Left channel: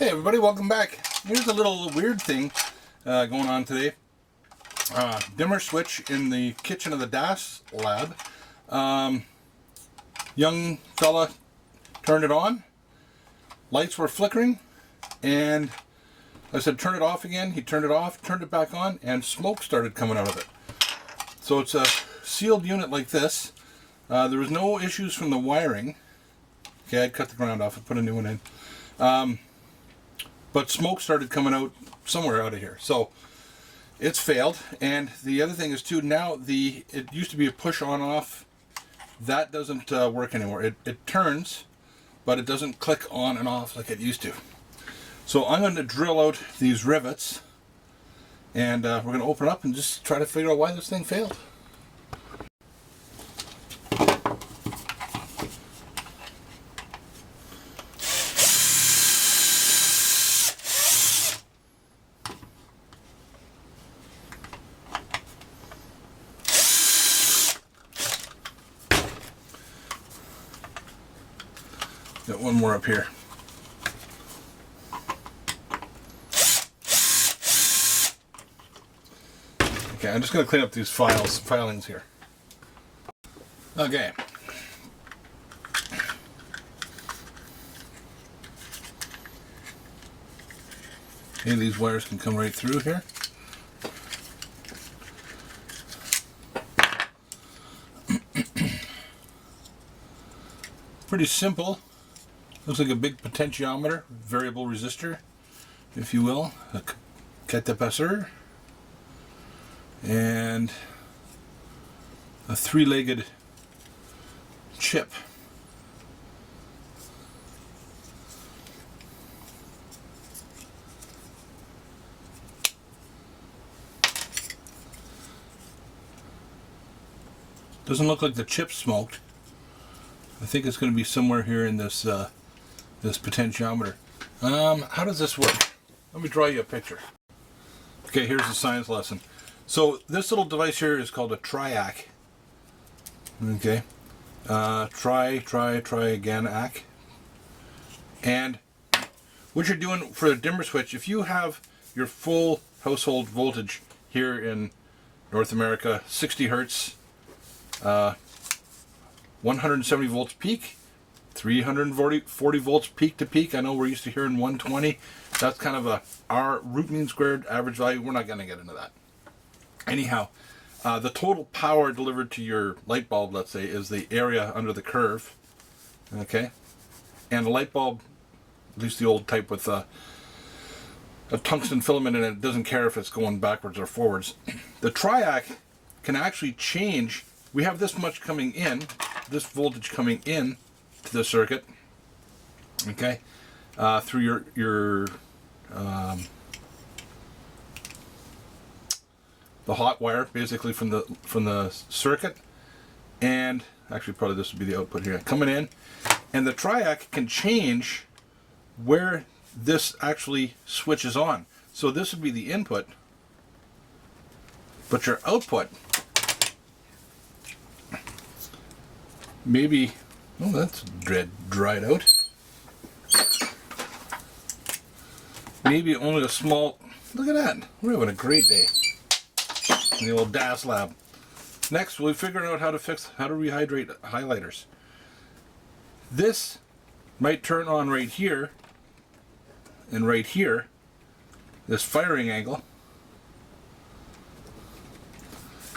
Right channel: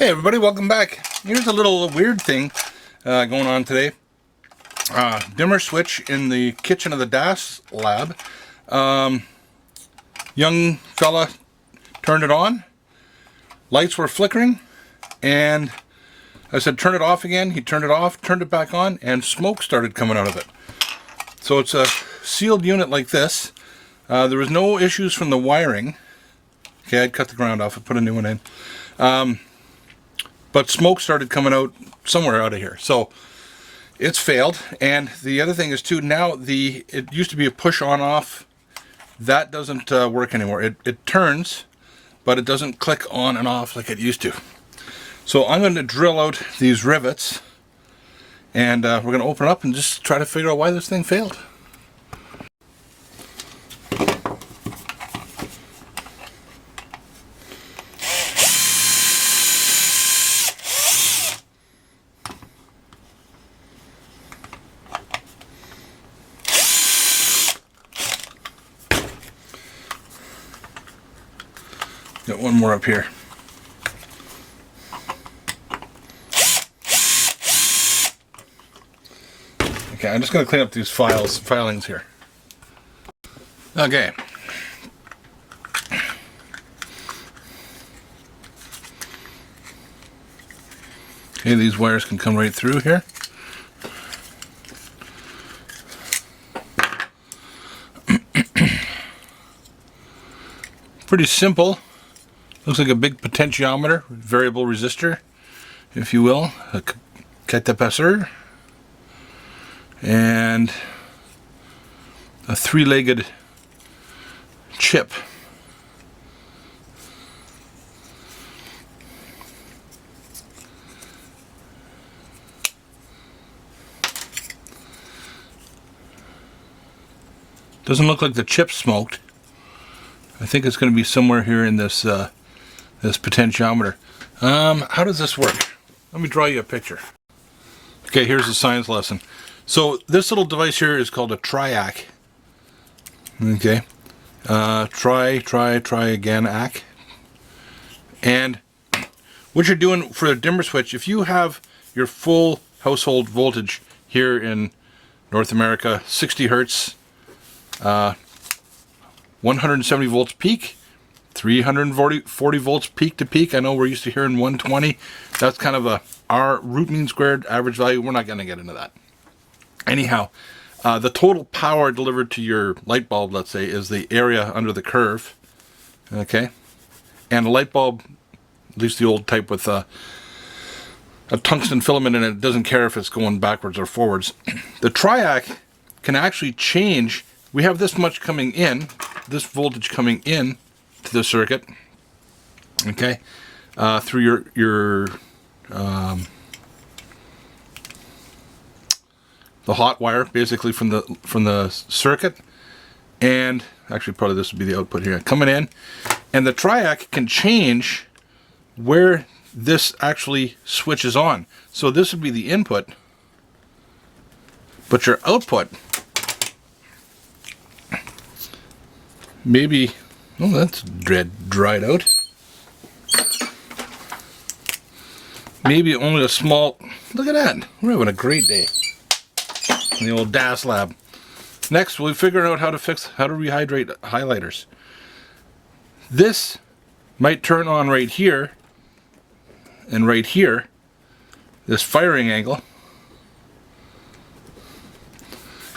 Hey everybody, welcome back. Here's a little weird thing going on today. Dimmer switch in the kitchen of the DAS lab. Young fella turned it on. Lights were flickering and I said turn it off again. He turned it off, turned it back on, and smoke started coming out of it. So it's a sealed unit like this. There was no issues from the wiring. Okay, I'd cut the ground off and put a new one in. But smoke started coming out somewhere out of here. So it's failed. And the other thing is too, now it used to be a push on off. That doesn't work anymore. It turns, but it doesn't click on and off like it used to. So I'm going to drill out these rivets and we're going to open it up and just try to figure out why this thing failed. Got one more up here. Okay, I'm just going to clean up these filings here. Okay. Okay, these wires can come right through here. Pretty simple. Looks like a big potentiometer, variable resistor, if you will, a capacitor, and a three-legged chip. Doesn't look like the chip smoked. I think it's going to be somewhere here in this this potentiometer. How does this work? Let me draw you a picture. Okay, here's the science lesson. So this little device here is called a triac. Okay, try again, ack. And what you're doing for a dimmer switch, if you have your full household voltage here in North America, 60 hertz, 170 volts peak, 340 volts peak to peak. I know we're used to hearing 120. That's kind of our root mean squared average value. We're not going to get into that. Anyhow, the total power delivered to your light bulb, let's say, is the area under the curve. Okay, and a light bulb, at least the old type with a tungsten filament in it, it doesn't care if it's going backwards or forwards. The triac can actually change. We have this much coming in, this voltage coming in to the circuit, okay, through your the hot wire, basically from the circuit, and actually probably this would be the output here coming in, and the triac can change where this actually switches on. So this would be the input, but your output maybe, oh, that's dried out. Maybe only a small, look at that. We're having a great day in the old DAS lab. Next, we'll figure out how to rehydrate highlighters. This might turn on right here and right here, this firing angle.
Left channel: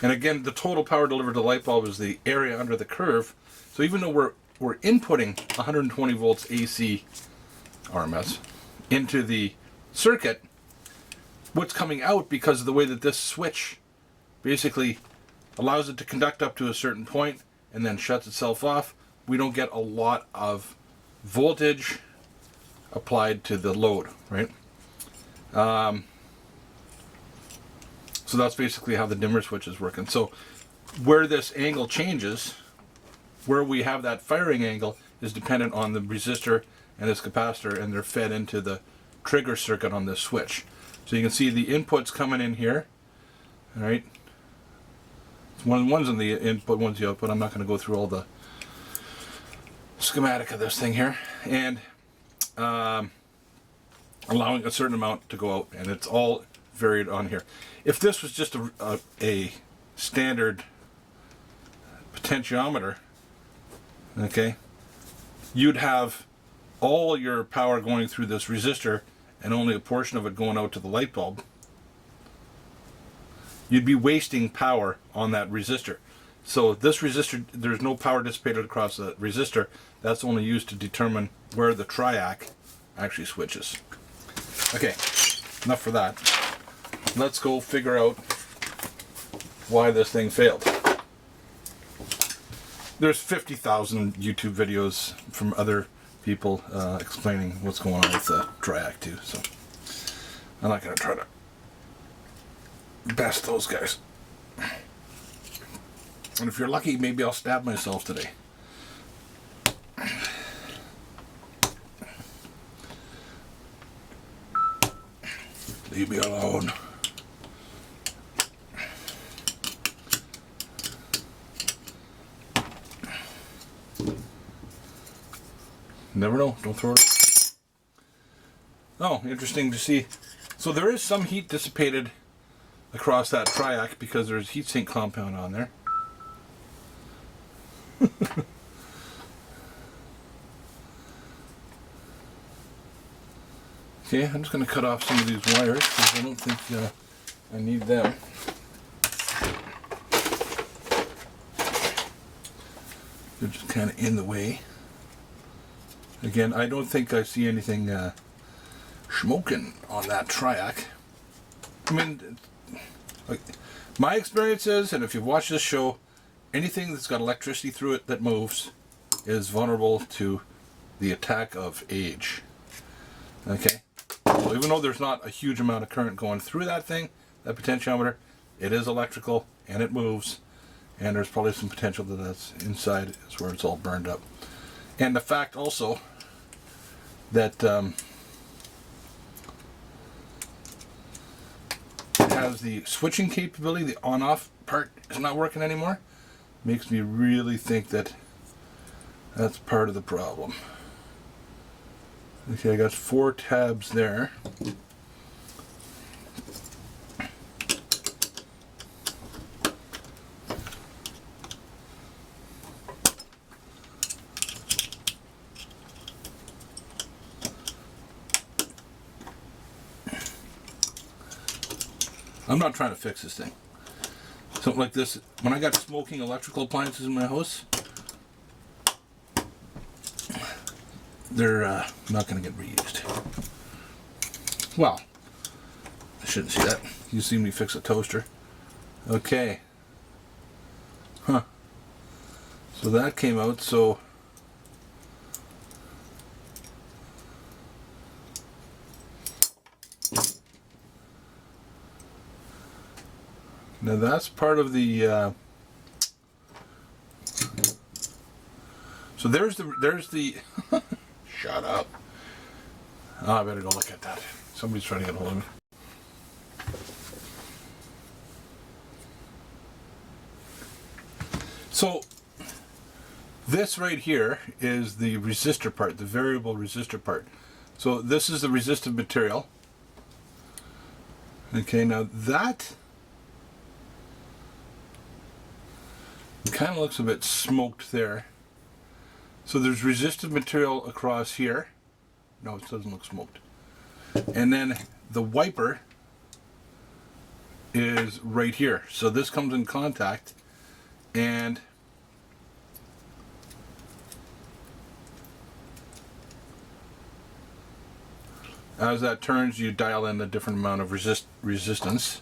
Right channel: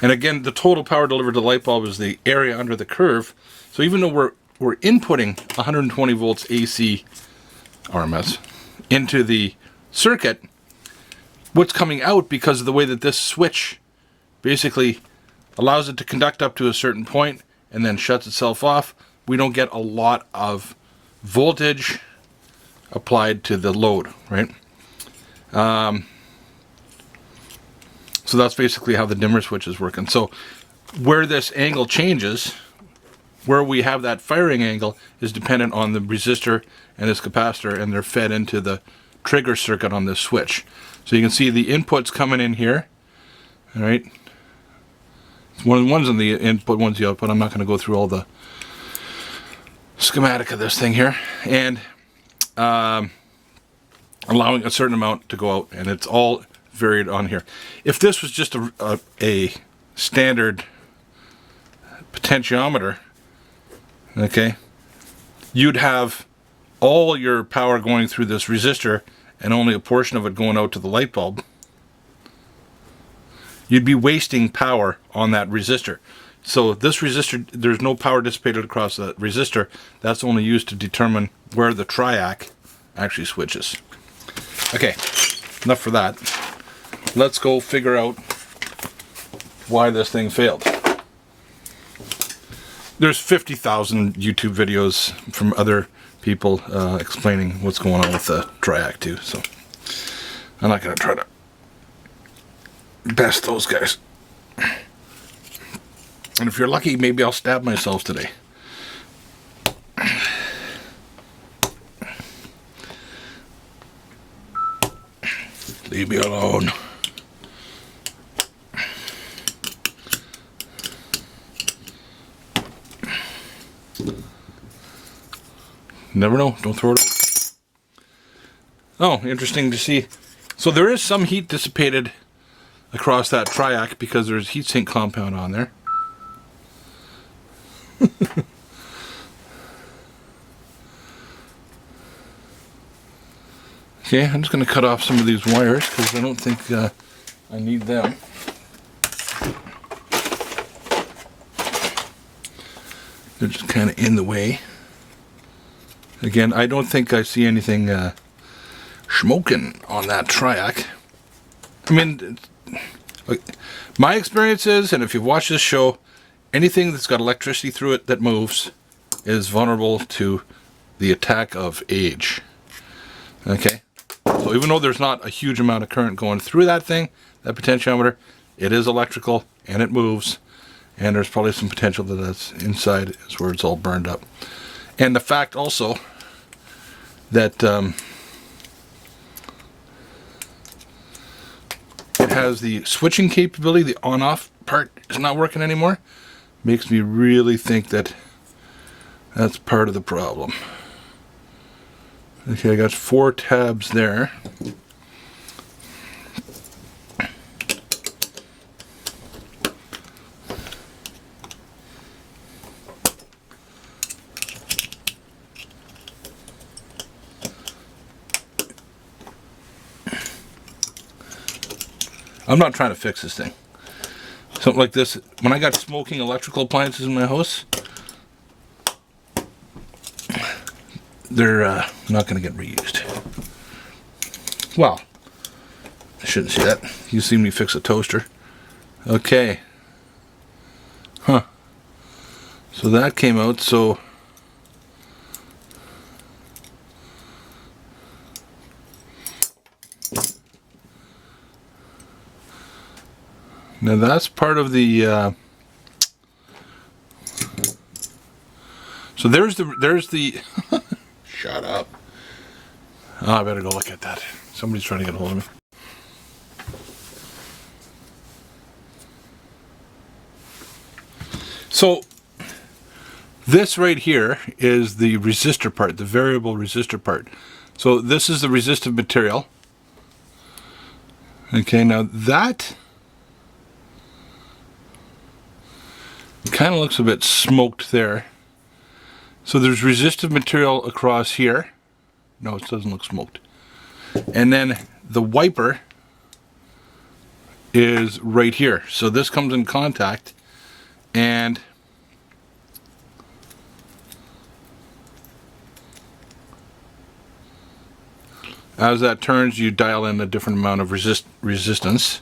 And again, the total power delivered to the light bulb is the area under the curve. So even though we're inputting 120 volts AC RMS into the circuit, what's coming out, because of the way that this switch basically allows it to conduct up to a certain point and then shuts itself off, we don't get a lot of voltage applied to the load, right? So that's basically how the dimmer switch is working. So where this angle changes, where we have that firing angle, is dependent on the resistor and this capacitor, and they're fed into the trigger circuit on this switch. So you can see the inputs coming in here. All right, one's in the input, one's the output. I'm not going to go through all the schematic of this thing here. And allowing a certain amount to go out, and it's all varied on here. If this was just a standard potentiometer, okay, you'd have all your power going through this resistor and only a portion of it going out to the light bulb. You'd be wasting power on that resistor. So this resistor, there's no power dissipated across the resistor. That's only used to determine where the triac actually switches. Okay, enough for that. Let's go figure out why this thing failed. There's 50,000 YouTube videos from other people explaining what's going on with the triac too, so I'm not going to try to best those guys. And if you're lucky, maybe I'll stab myself today. Leave me alone. Never know. Don't throw it out. Oh, interesting to see. So there is some heat dissipated across that triac because there's heatsink compound on there. Okay, I'm just going to cut off some of these wires because I don't think I need them. They're just kind of in the way. Again, I don't think I see anything smoking on that triac. I mean, my experience is, and if you've watched this show, anything that's got electricity through it that moves is vulnerable to the attack of age. Okay? So even though there's not a huge amount of current going through that thing, that potentiometer, it is electrical and it moves, and there's probably some potential that that's inside is where it's all burned up. And the fact also that it has the switching capability, the on-off part is not working anymore, makes me really think that that's part of the problem. Okay, I got 4 tabs there. I'm not trying to fix this thing. Something like this, when I got smoking electrical appliances in my house, they're not going to get reused. Well, I shouldn't see that. You see me fix a toaster. Okay. Huh. So that came out, so now that's part of the so there's the shut up. Oh, I better go look at that. Somebody's trying to get a hold of me. So this right here is the resistor part, the variable resistor part. So this is the resistive material. Okay, now that kind of looks a bit smoked there. So there's resistive material across here. No, it doesn't look smoked. And then the wiper is right here. So this comes in contact, and as that turns, you dial in a different amount of resistance.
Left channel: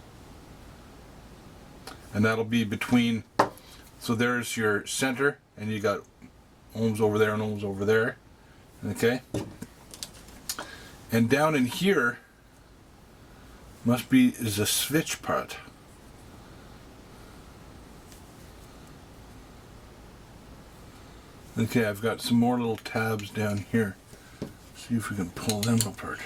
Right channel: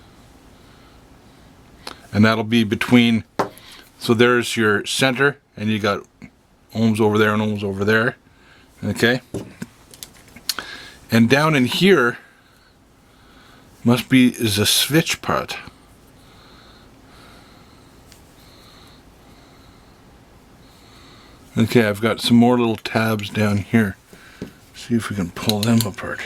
And that'll be between, so there's your center, and you got ohms over there and ohms over there. Okay? And down in here is a switch part. Okay, I've got some more little tabs down here. See if we can pull them apart.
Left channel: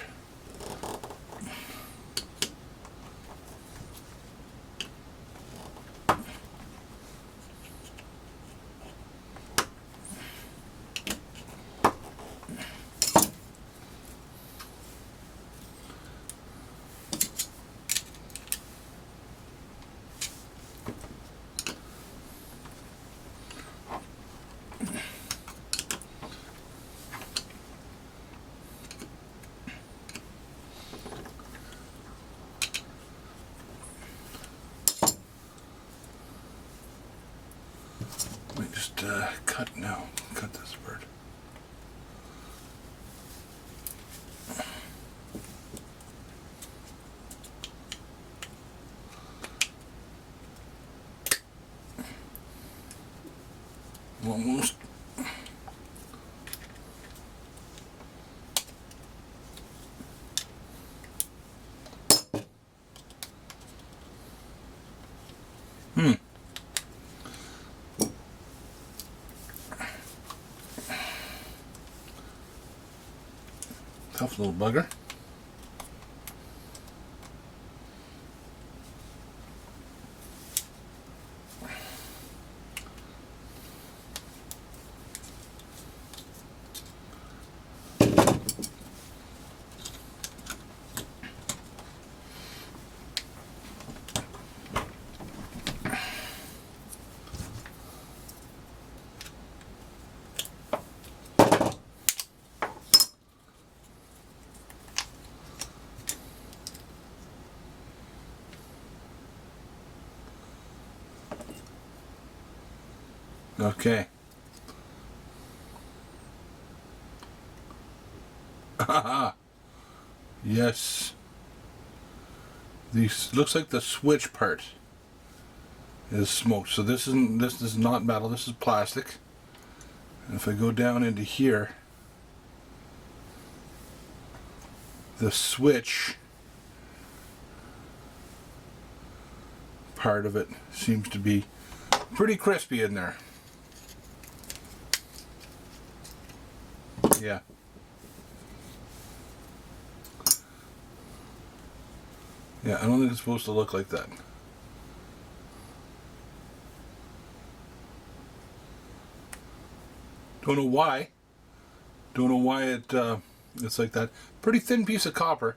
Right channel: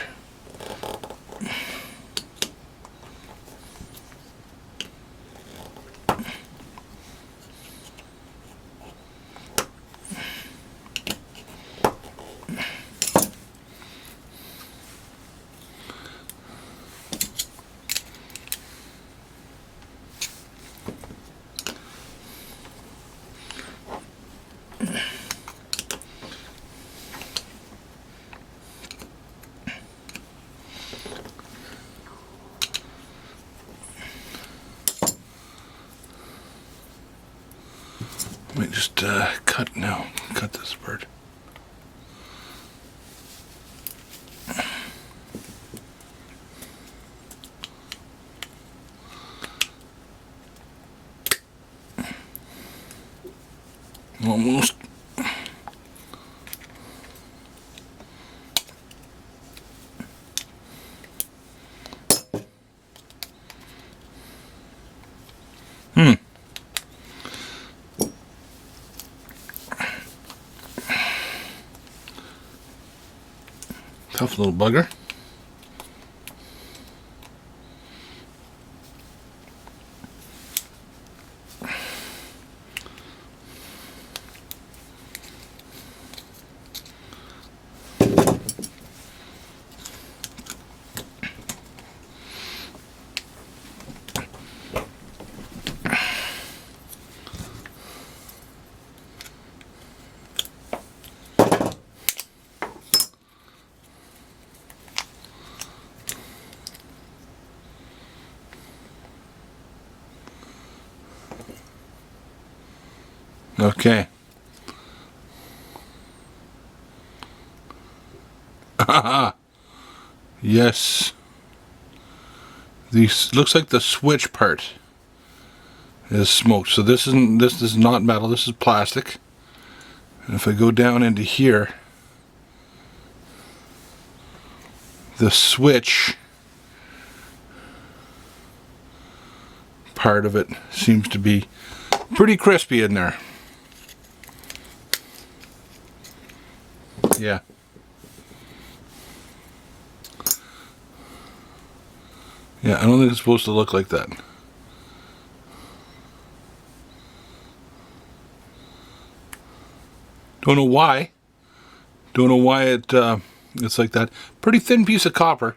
Let me just cut this bird. Almost. Tough little bugger. Okay. Yes. These looks like the switch part is smoked. So this is not metal, this is plastic. And if I go down into here, the switch part of it seems to be pretty crispy in there. Yeah. Yeah, I don't think it's supposed to look like that. Don't know why. Don't know why it's like that. Pretty thin piece of copper.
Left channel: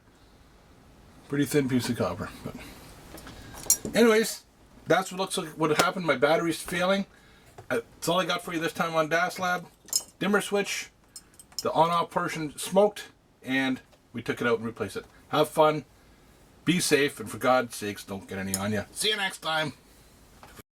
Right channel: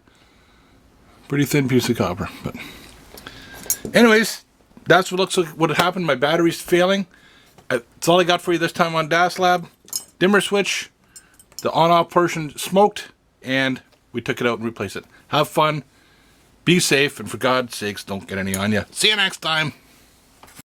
Pretty thin piece of copper. But anyways, that's what looks like what happened. My battery's failing. That's all I got for you this time on DAS Lab. Dimmer switch. The on-off portion smoked, and we took it out and replaced it. Have fun, be safe, and for God's sakes, don't get any on you. See you next time.